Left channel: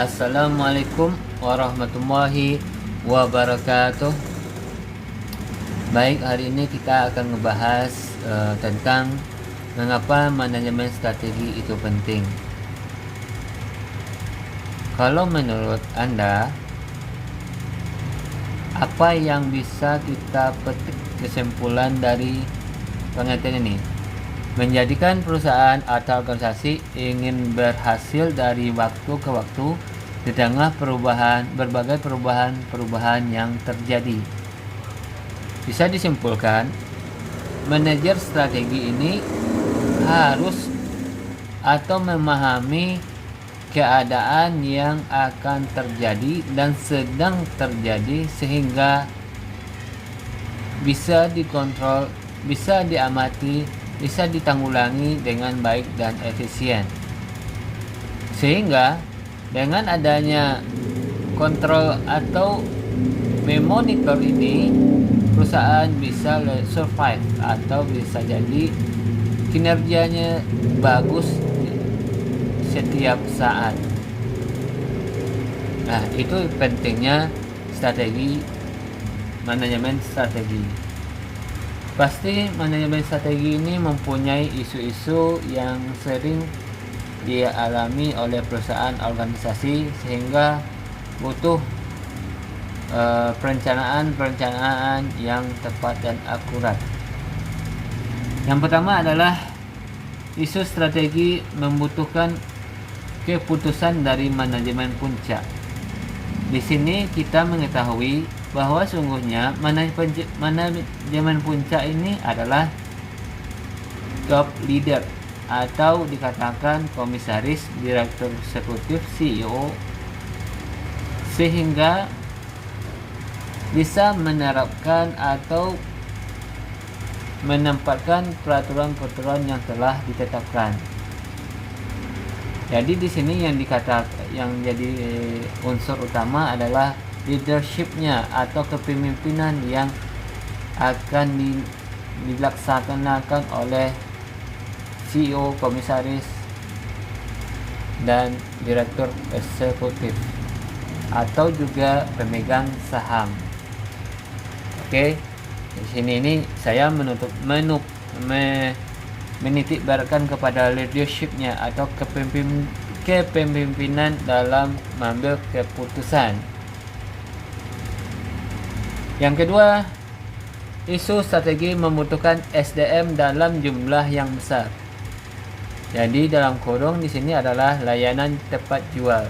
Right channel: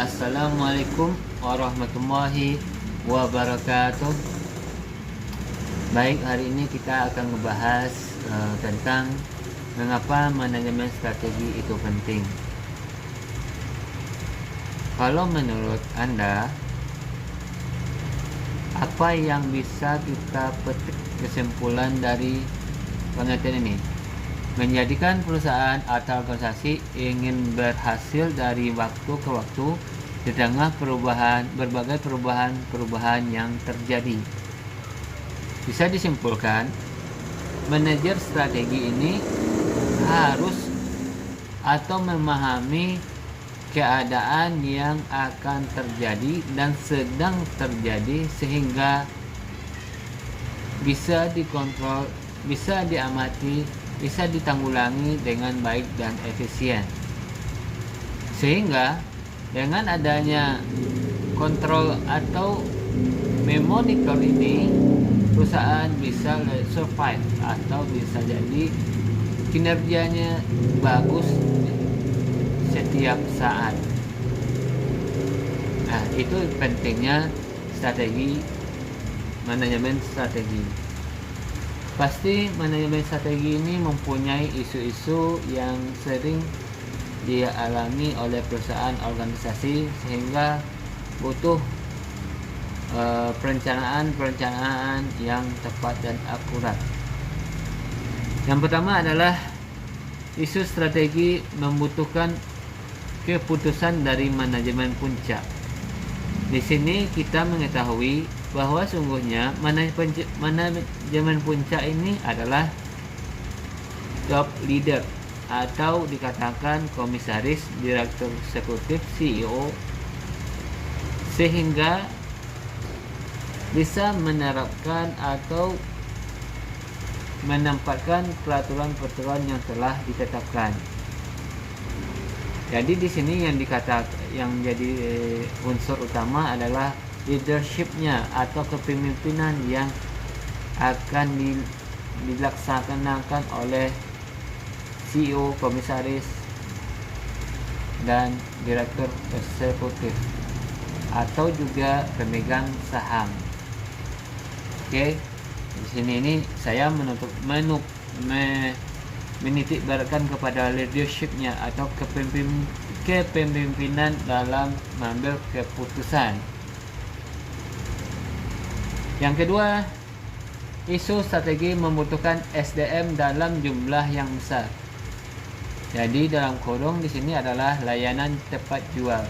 Assalamualaikum warahmatullahi wabarakatuh. Baik, hari ini kita akan membahas tentang mengapa manajemen strategi itu penting. Kalau menurut Anda, apa yang bisa kita petik kesimpulan dari pengertian ini? Menjadikan perusahaan atau organisasi ingin berhasil dari waktu ke waktu di tengah berbagai perubahan yang terjadi. Bisa disimpulkan, manajer strategi ini harus atau memahami keadaan yang akan terjadi dan sedang terjadi sehingga bisa dikontrol, bisa diamati, bisa ditanggulangi dengan baik dan efisien. Sehingga dengan adanya kontrol atau memonitor ini, perusahaan bisa survive atau bisa jadi kinerjanya bagus setiap saat. Nah, itu pentingnya strategi, manajemen strategi. Pasti manajemen strategi ini mempunyai isu-isu yang sering dialami oleh perusahaan organisasi sehingga butuh perencanaan yang tepat dan akurat. Yang pertama adalah isu strategi membutuhkan keputusan dari manajemen puncak. Di sini kita mengetahui bahwa sungguhnya manajemen puncak ini adalah top leader atau dikatakan komisaris, direktur eksekutif, CEO, sehingga bisa menerapkan atau menempatkan peraturan-peraturan yang telah ditetapkan. Jadi di sini yang jadi unsur utama adalah leadership-nya atau kepemimpinan yang akan dilaksanakan oleh CEO, komisaris, dan direktur eksekutif atau juga pemegang saham. Oke, di sini ini saya menitik beratkan kepada leadership-nya atau kepemimpinan dalam mengambil keputusan. Yang kedua, isu strategi membutuhkan SDM dalam jumlah yang besar. Jadi dalam kurung di sini adalah layanan tepat jual.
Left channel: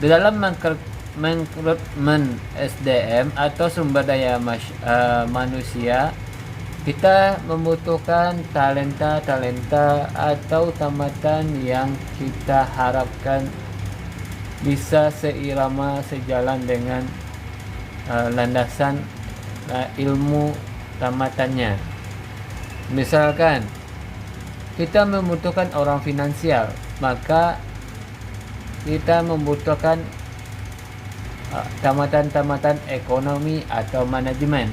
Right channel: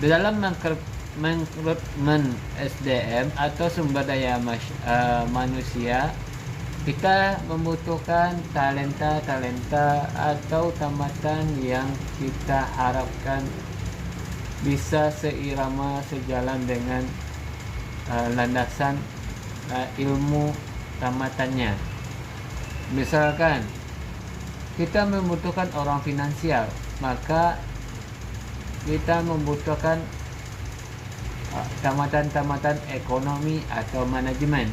Di dalam merekrutmen SDM atau sumber daya manusia, kita membutuhkan talenta atau tamatan yang kita harapkan bisa sejalan dengan landasan ilmu tamatannya. Misalkan kita membutuhkan orang finansial, maka kita membutuhkan tamatan ekonomi atau manajemen,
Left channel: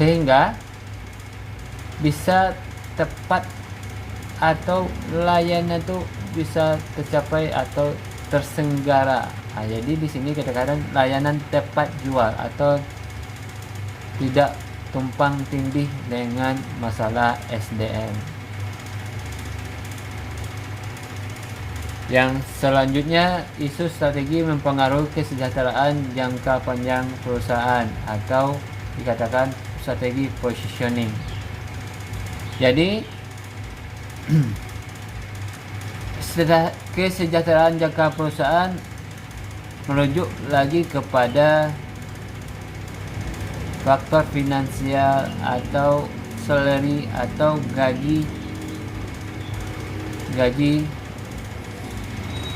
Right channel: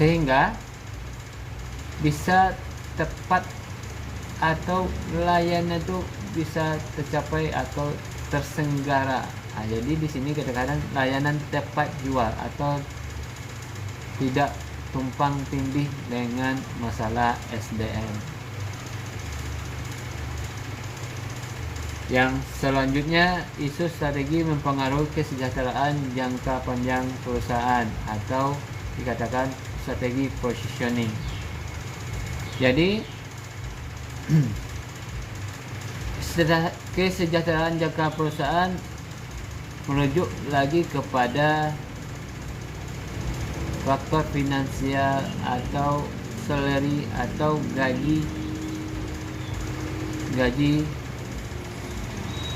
sehingga bisa tepat atau layanan itu bisa tercapai atau tersenggara. Jadi di sini kadang-kadang layanan tepat jual atau tidak tumpang tindih dengan masalah SDM. Yang selanjutnya, isu strategi mempengaruhi kesejahteraan jangka panjang perusahaan atau dikatakan strategi positioning. Jadi kesejahteraan jangka perusahaan merujuk lagi kepada faktor finansial atau salary atau gaji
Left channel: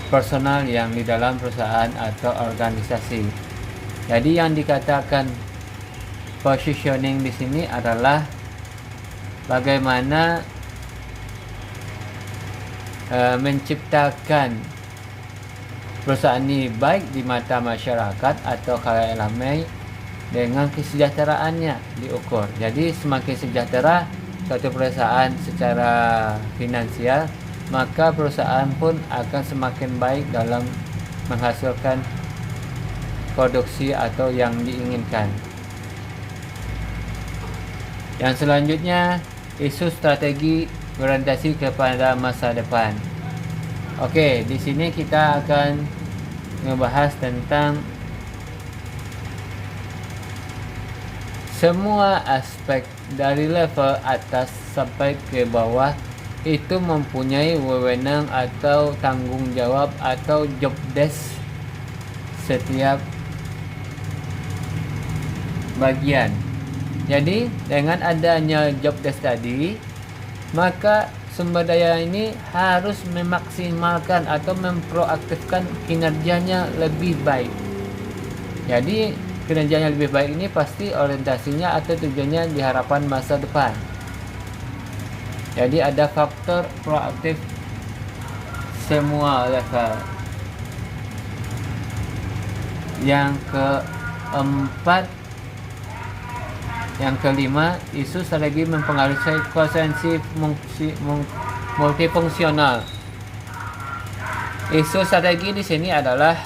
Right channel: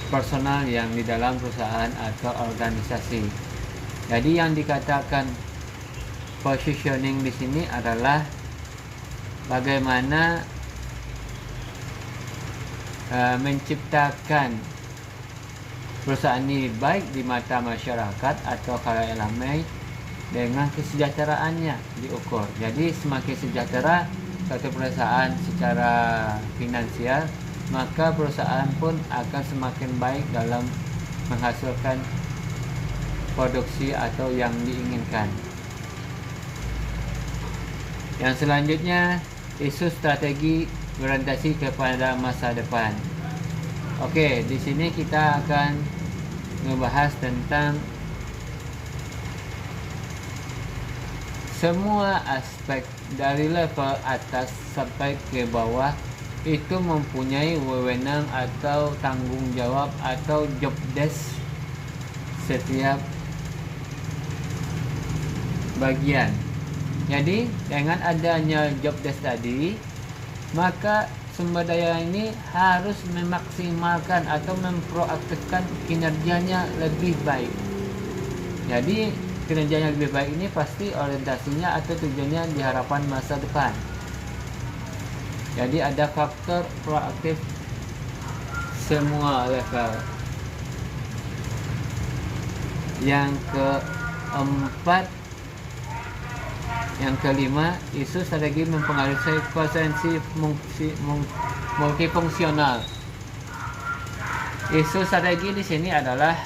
personal yang di dalam perusahaan atau organisasi. Jadi yang dikatakan positioning di sini adalah bagaimana menciptakan perusahaan ini baik di mata masyarakat atau khalayak ramai dengan kesejahteraannya diukur. Jadi semakin sejahtera suatu perusahaan secara finansial, maka perusahaan pun akan semakin baik dalam menghasilkan produksi atau yang diinginkan. Yang selanjutnya, isu strategi berorientasi kepada masa depan. Oke, di sini kita akan membahas tentang semua aspek dari level atas sampai ke bawah itu mempunyai wewenang atau tanggung jawab atau job desk setiap bagian. Jadi dengan adanya job desk tadi, maka sumber daya ini harus memaksimalkan atau memproaktifkan kinerjanya lebih baik. Jadi kinerjanya lebih baik ini pasti orientasinya atau tujuannya di harapan masa depan. Jadi ada faktor proaktif semua level. Yang keempat, yang kelima, isu strategi mempengaruhi konsensi multifungsional. Isu strategi di sini adalah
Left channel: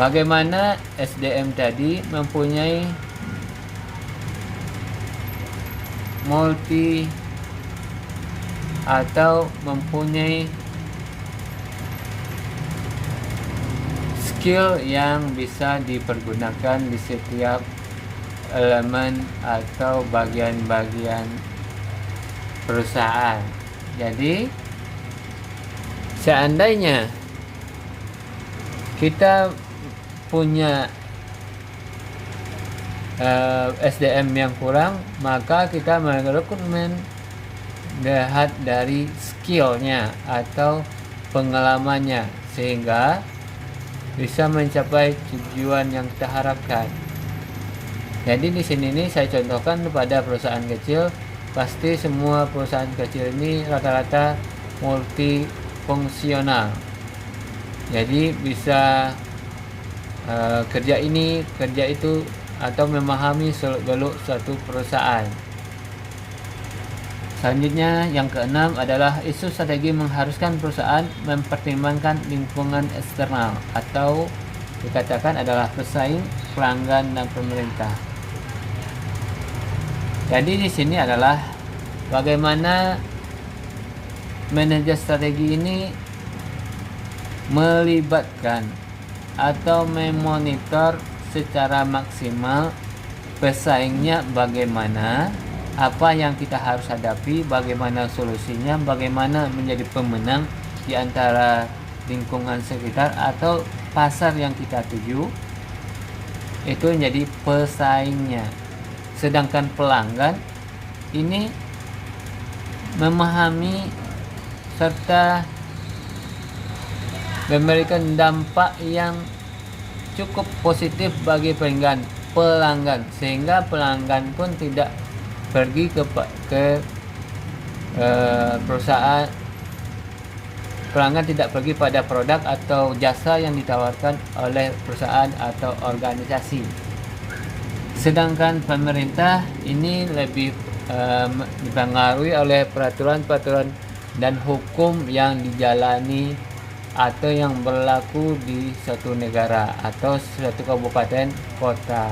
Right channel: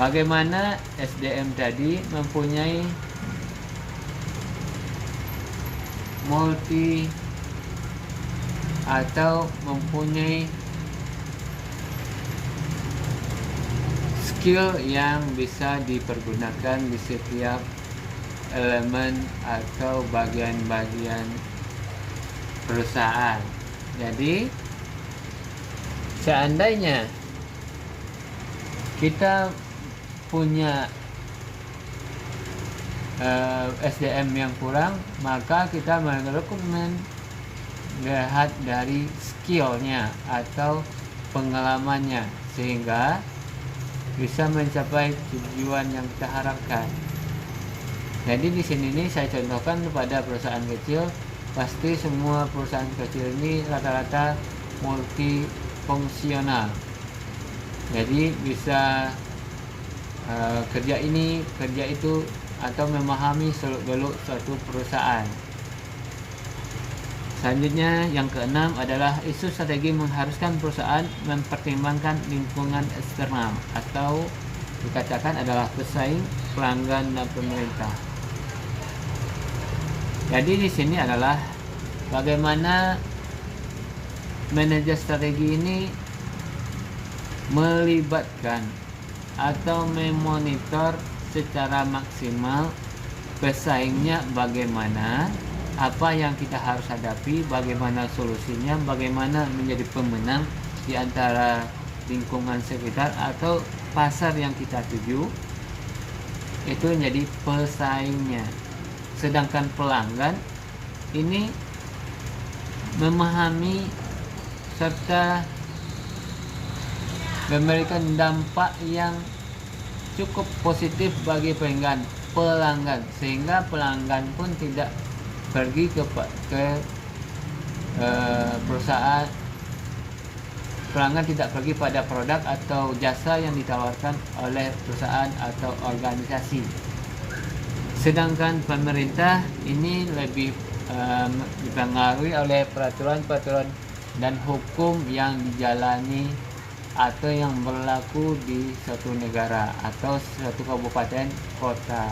bagaimana SDM tadi mempunyai multi atau mempunyai skill yang bisa dipergunakan di setiap elemen atau bagian-bagian perusahaan. Jadi seandainya kita punya SDM yang kurang, maka kita merekrutmen lihat dari skillnya atau pengalamannya sehingga bisa mencapai tujuan yang kita harapkan. Jadi di sini nih saya contohkan kepada perusahaan kecil, pasti semua perusahaan kecil ini rata-rata multifungsional. Jadi bisa kerja ini, kerja itu, atau memahami seluk-beluk suatu perusahaan. Selanjutnya yang keenam adalah isu strategi mengharuskan perusahaan mempertimbangkan lingkungan eksternal atau dikatakan adalah pesaing, pelanggan, dan pemerintah. Jadi di sini adalah bagaimana manajer strategi ini melibatkan atau memonitor secara maksimal pesaingnya bagaimana, apa yang kita harus hadapi, bagaimana solusinya, bagaimana menjadi pemenang di antara lingkungan sekitar atau pasar yang kita tuju, itu menjadi pesaingnya. Sedangkan pelanggan ini memahami serta memberikan dampak yang cukup positif bagi pelanggan, sehingga pelanggan pun tidak pergi ke perusahaan, pelanggan tidak pergi pada produk atau jasa yang ditawarkan oleh perusahaan atau organisasi. Sedangkan pemerintah ini lebih dipengaruhi oleh peraturan-peraturan dan hukum yang dijalani atau yang berlaku di suatu negara atau suatu kabupaten kota.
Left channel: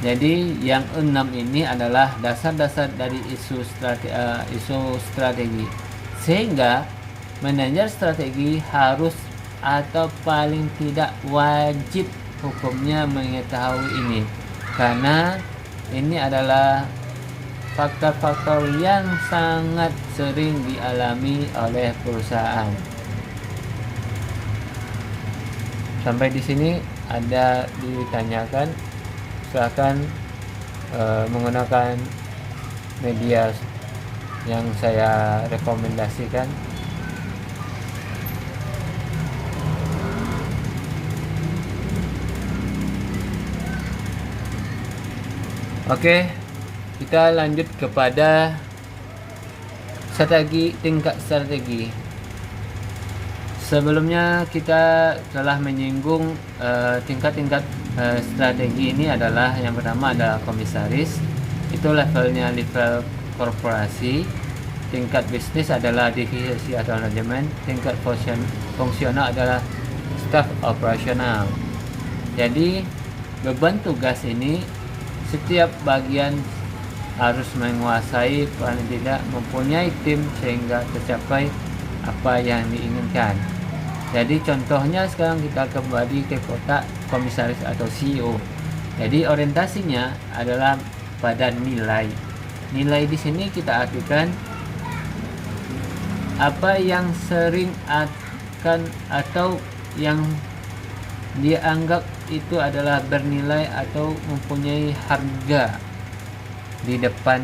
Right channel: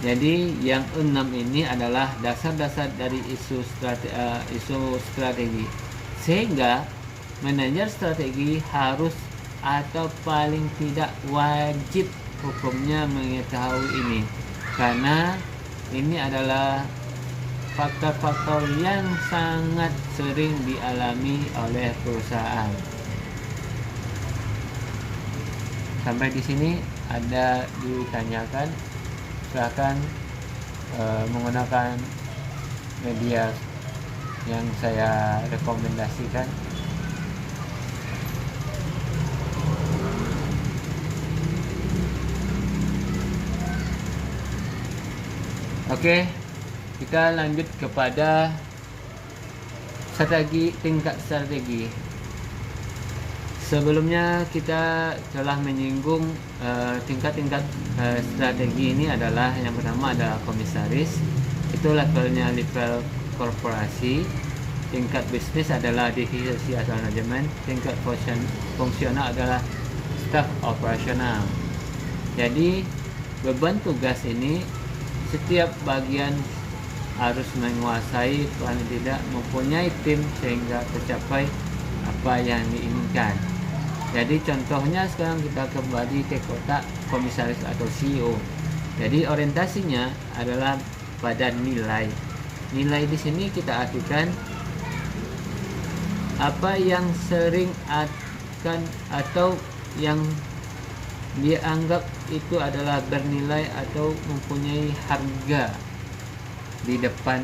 Jadi yang 6 ini adalah dasar-dasar dari isu strategi. Sehingga manajer strategi harus atau paling tidak wajib hukumnya mengetahui ini, karena ini adalah faktor-faktor yang sangat sering dialami oleh perusahaan. Sampai di sini ada ditanyakan, silahkan menggunakan media yang saya rekomendasikan. Oke, kita lanjut kepada tingkat strategi. Sebelumnya kita telah menyinggung tingkat-tingkat strategi ini adalah yang pertama adalah komisaris, Itu levelnya level korporasi. Tingkat bisnis adalah divisi atau manajemen. Tingkat fungsional adalah staf operasional. Jadi beban tugas ini setiap bagian harus menguasai, paling tidak mempunyai tim sehingga tercapai apa yang diinginkan. Jadi contohnya sekarang kita kembali ke kotak komisaris atau CEO. Jadi orientasinya adalah pada nilai. Nilai di sini kita artikan apa yang sering akan atau yang dianggap itu adalah bernilai atau mempunyai harga di depan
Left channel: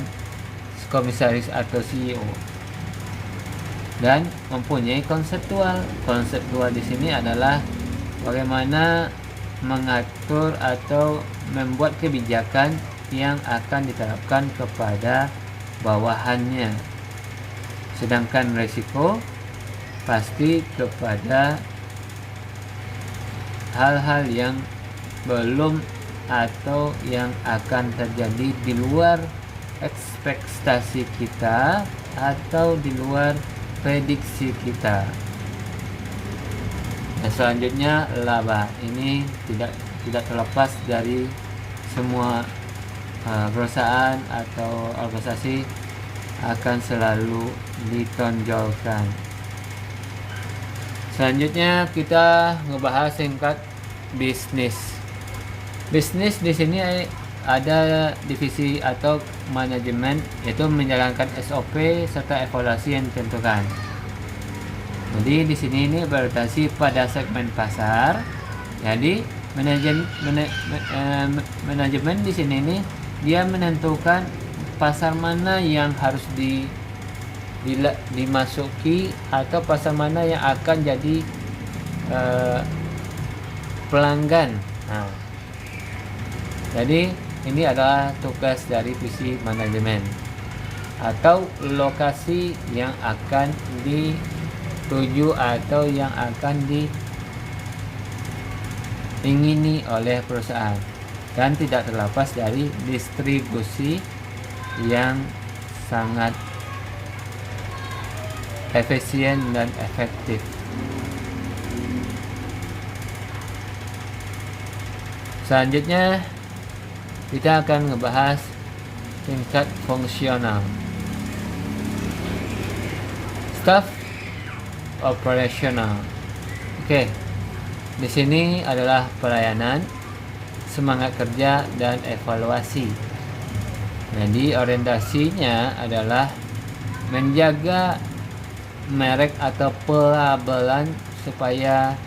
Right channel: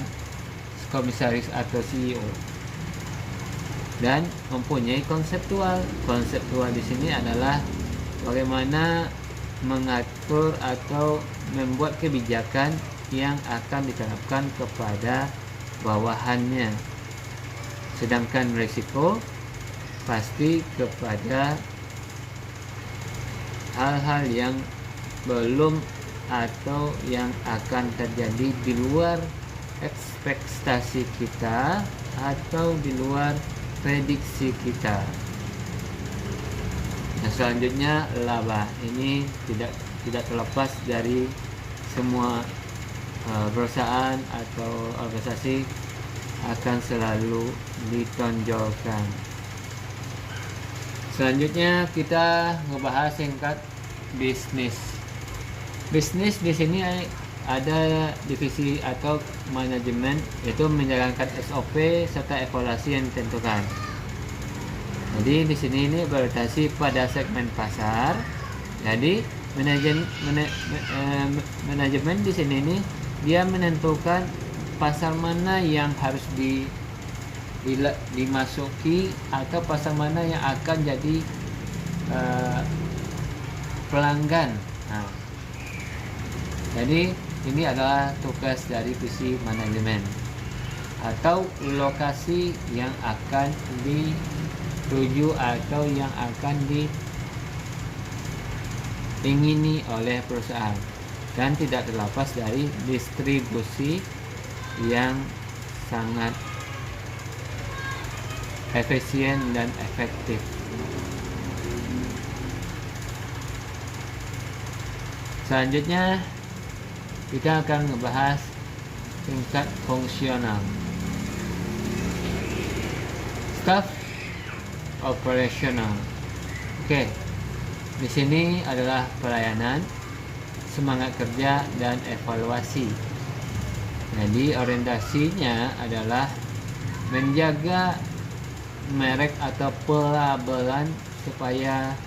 komisaris atau CEO, dan mempunyai konseptual. Konseptual di sini adalah bagaimana mengatur atau membuat kebijakan yang akan diterapkan kepada bawahannya. Sedangkan risiko pasti kepada hal-hal yang belum atau yang akan terjadi di luar ekspektasi kita atau di luar prediksi kita. Dan selanjutnya laba. Ini tidak terlepas dari semua perusahaan atau organisasi akan selalu ditonjolkan. Selanjutnya kita ngebahas singkat bisnis. Bisnis di sini ada divisi atau manajemen, yaitu menjalankan SOP serta evaluasi yang ditentukan. Jadi di sini ini berorientasi pada segmen pasar. Jadi manajemen di sini ini dia menentukan pasar mana yang harus dimasuki atau pasar mana yang akan jadi pelanggan. Nah, jadi ini adalah tugas dari visi manajemen atau lokasi yang akan dituju atau yang akan diingini oleh perusahaan, dan tidak terlepas dari distribusi yang sangat efisien dan efektif. Selanjutnya kita akan ngebahas tingkat fungsional. Staff operational. Oke. Di sini adalah pelayanan, semangat kerja, dan evaluasi. Jadi orientasinya adalah menjaga merek atau pelabelan supaya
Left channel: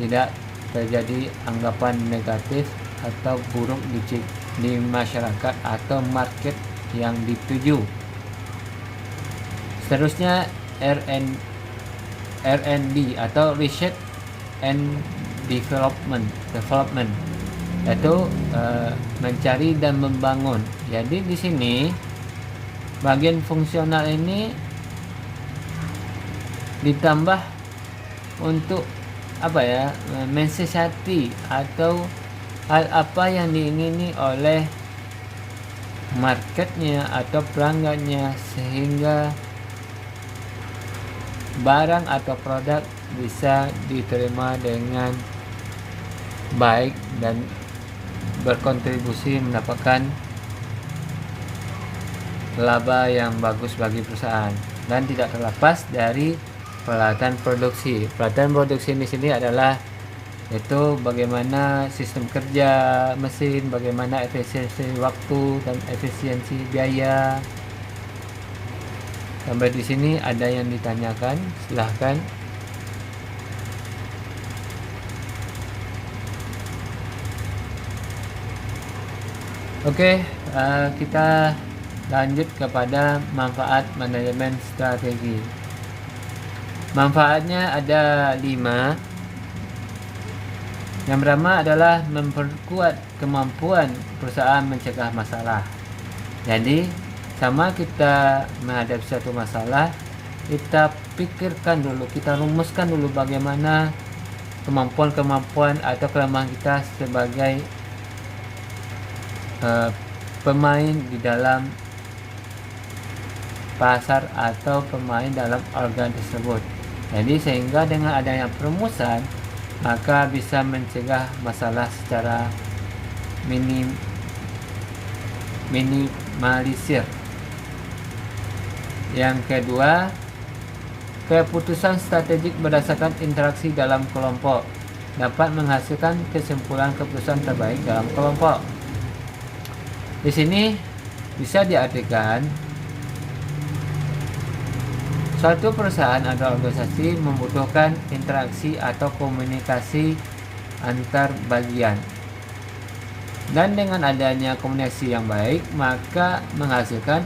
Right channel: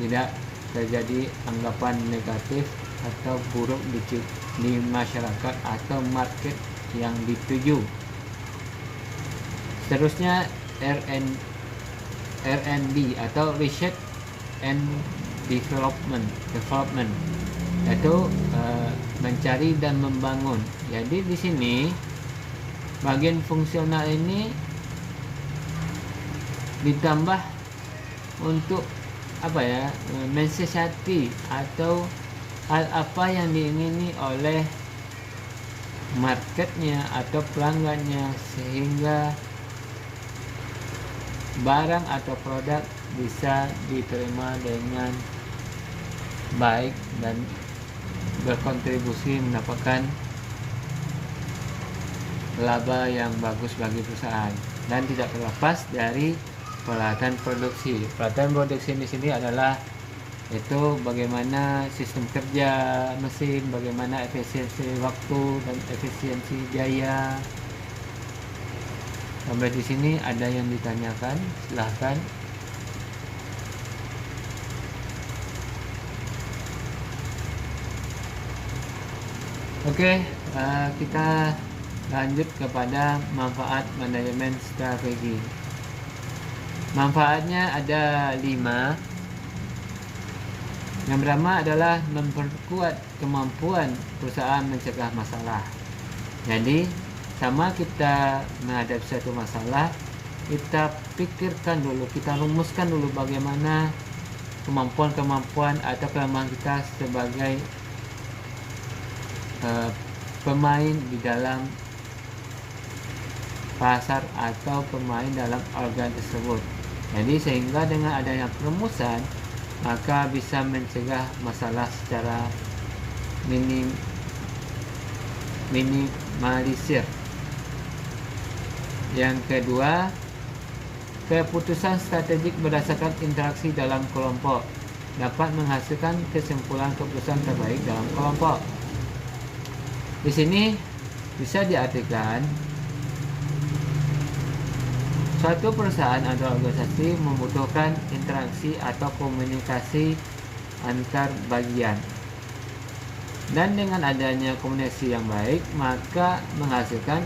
tidak terjadi anggapan negatif atau buruk di masyarakat atau market yang dituju. Seterusnya R&D atau Research and Development, yaitu mencari dan membangun. Jadi di sini bagian fungsional ini ditambah untuk mensiasati atau hal apa yang diingini oleh marketnya atau pelanggannya, sehingga barang atau produk bisa diterima dengan baik dan berkontribusi mendapatkan laba yang bagus bagi perusahaan. Dan tidak terlepas dari pelatihan produksi. Pelatihan produksi di sini adalah itu bagaimana sistem kerja mesin, bagaimana efisiensi waktu dan efisiensi biaya. Sampai di sini ada yang ditanyakan, silahkan. Oke, kita lanjut kepada manfaat manajemen strategi. Manfaatnya ada 5. Yang pertama adalah memperkuat kemampuan perusahaan mencegah masalah. Jadi sama kita menghadapi suatu masalah, kita pikirkan dulu, kita rumuskan dulu bagaimana kemampuan atau kelemahan kita sebagai pemain di dalam pasar atau pemain dalam organ tersebut. Jadi sehingga dengan adanya perumusan maka bisa mencegah masalah secara minimalisir. Yang kedua, keputusan strategik berdasarkan interaksi dalam kelompok dapat menghasilkan kesimpulan keputusan terbaik dalam kelompok. Di sini bisa diartikan suatu perusahaan atau organisasi membutuhkan interaksi atau komunikasi antar bagian. Dan dengan adanya komunikasi yang baik, maka menghasilkan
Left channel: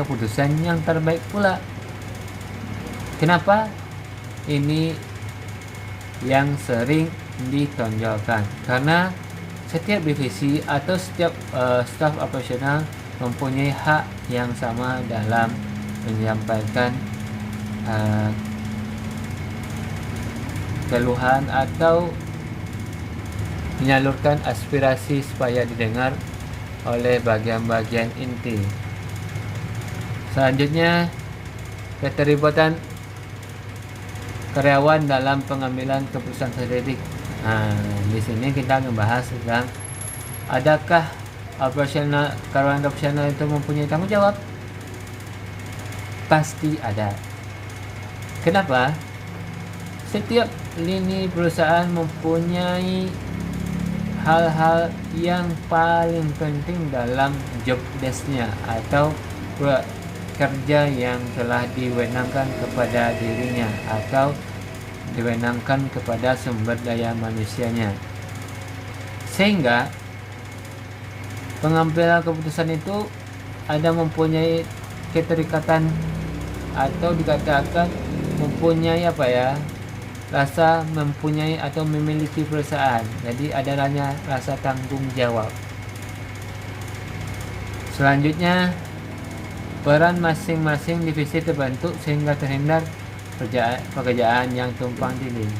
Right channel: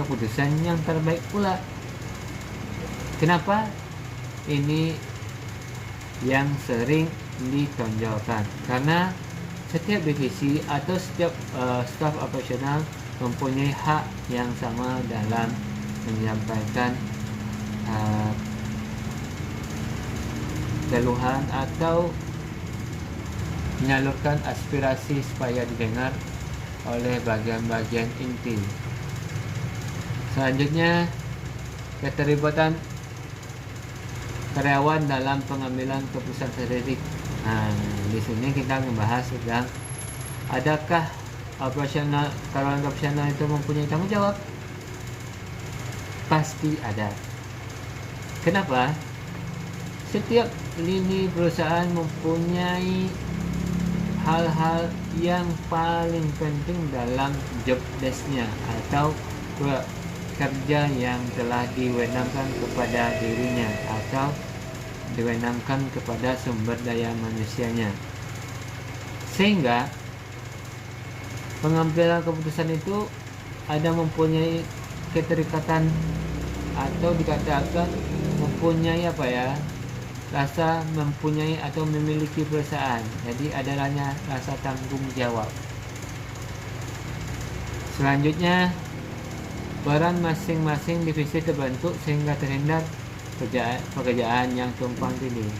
keputusan yang terbaik pula. Kenapa? Ini yang sering ditonjolkan. Karena setiap divisi atau setiap staf operasional mempunyai hak yang sama dalam menyampaikan keluhan atau menyalurkan aspirasi supaya didengar oleh bagian-bagian inti. Selanjutnya, keterlibatan karyawan dalam pengambilan keputusan strategik. Di sini kita membahas tentang adakah karyawan operasional itu mempunyai tanggung jawab? Pasti ada. Kenapa? Setiap lini perusahaan mempunyai hal-hal yang paling penting dalam job desk-nya atau kerja yang telah diwenangkan kepada dirinya atau diwenangkan kepada sumber daya manusianya. Sehingga pengambilan keputusan itu ada mempunyai keterikatan atau dikatakan mempunyai rasa mempunyai atau memiliki perusahaan. Jadi adanya rasa tanggung jawab. Selanjutnya, peran masing-masing divisi terbentuk sehingga terhindar pekerjaan yang tumpang tindih.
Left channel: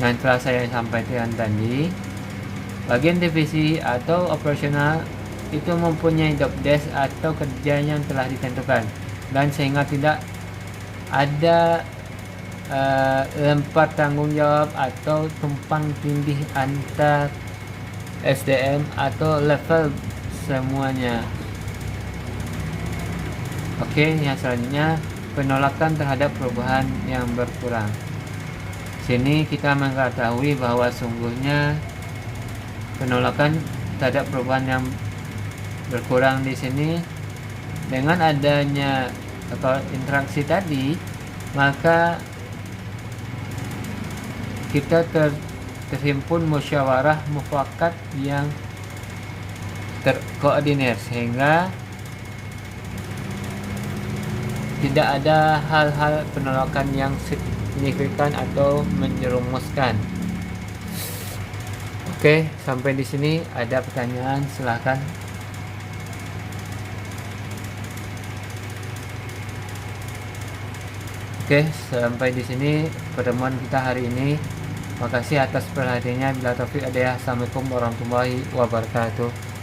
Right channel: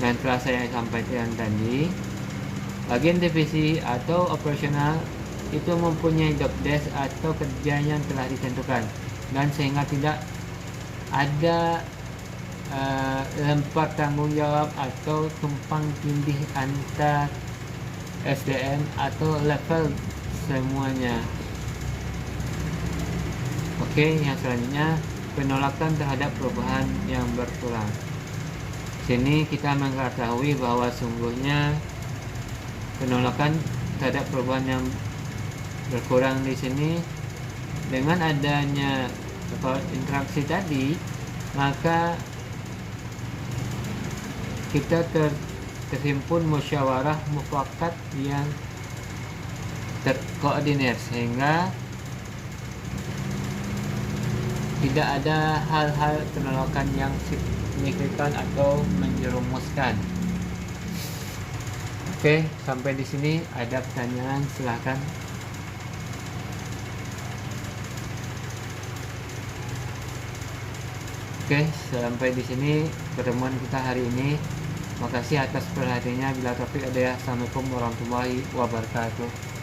Yang telah saya sampaikan tadi, bagian divisi atau operasional itu mempunyai job desk atau kerja yang telah ditentukan, dan sehingga tidak ada lempar tanggung jawab atau tumpang tindih antar SDM atau level semuanya. Oke, yang selanjutnya penolakan terhadap perubahan yang berkurang. Sini kita mengetahui bahwa sungguhnya penolakan terhadap perubahan yang berkurang di sini dengan adanya atau interaksi tadi, maka kita terhimpun musyawarah mufakat yang terkoordinir sehingga tidak ada hal-hal penolakan yang signifikan atau menjerumuskan. Oke, sampai di sini ada pertanyaan, silahkan. Oke, sampai di sini pertemuan kita hari ini. Makasih atas perhatiannya. Bila taufik hidayah. Assalamualaikum warahmatullahi wabarakatuh.